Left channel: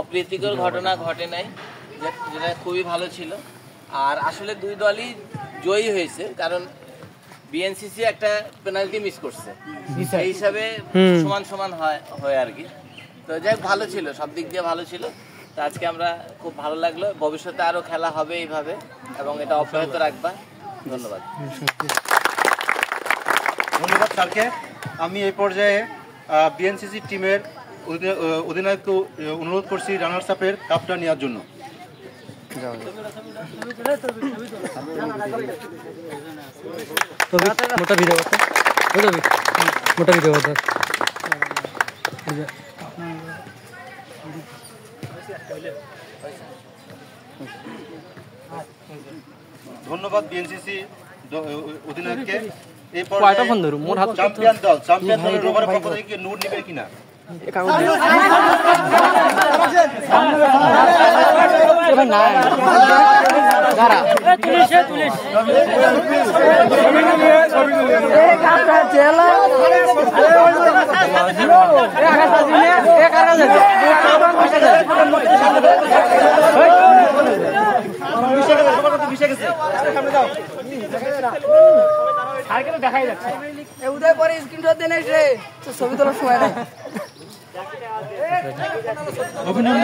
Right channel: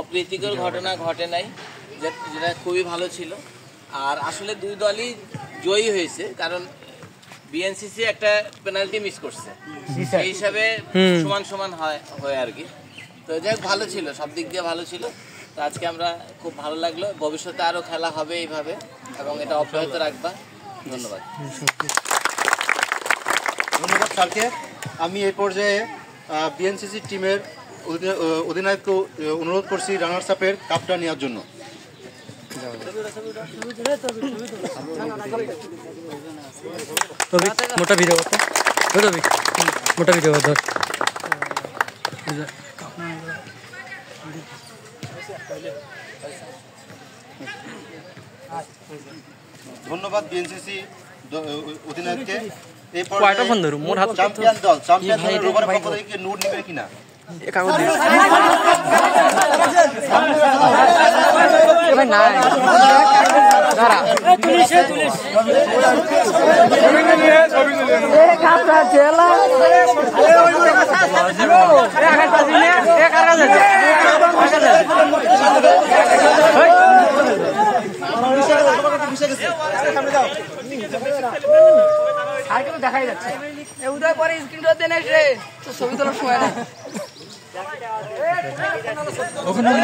অপ্রীতিকর ঘটনা ঘটে নাই, যেটা খুবই ভালো ছিল। আর আসলে দুই দলই জয়ী হয়েছে, কারণ বিএনসিসি একটা পেনাল্টি মিস করছে, সেই হিসাবে সমান সমান হয় আর কি। তো যাই হোক, ভালো ছিল, সব দিক দিয়ে ভালো ছিল। তো আজকে আমরা খুব ভালো লাগলো, ভবিষ্যতে আরও খেলা হবে এইভাবে এবং এটা অব্যাহত রাখবা। ধন্যবাদ। ধন্যবাদ স্যারকে। আমি এই পর্যায়ে বিএনসিসি টিমের অধিনায়ককে অনুরোধ করছি রানার্স আপের কাপটা নেওয়ার জন্য। মোটা ভিডিও মোটা ভিডিও ধন্যবাদ বিএনসিসি অধিনায়ককে। এই কয়টা ফোন ধরু মোর হাত চ্যাম্পিয়ন দলের পক্ষ থেকে নোট নেবে কিনা দেখাই যাচ্ছে উদয় পরে স্ক্রিনশট দেন ছবি তোলার সময়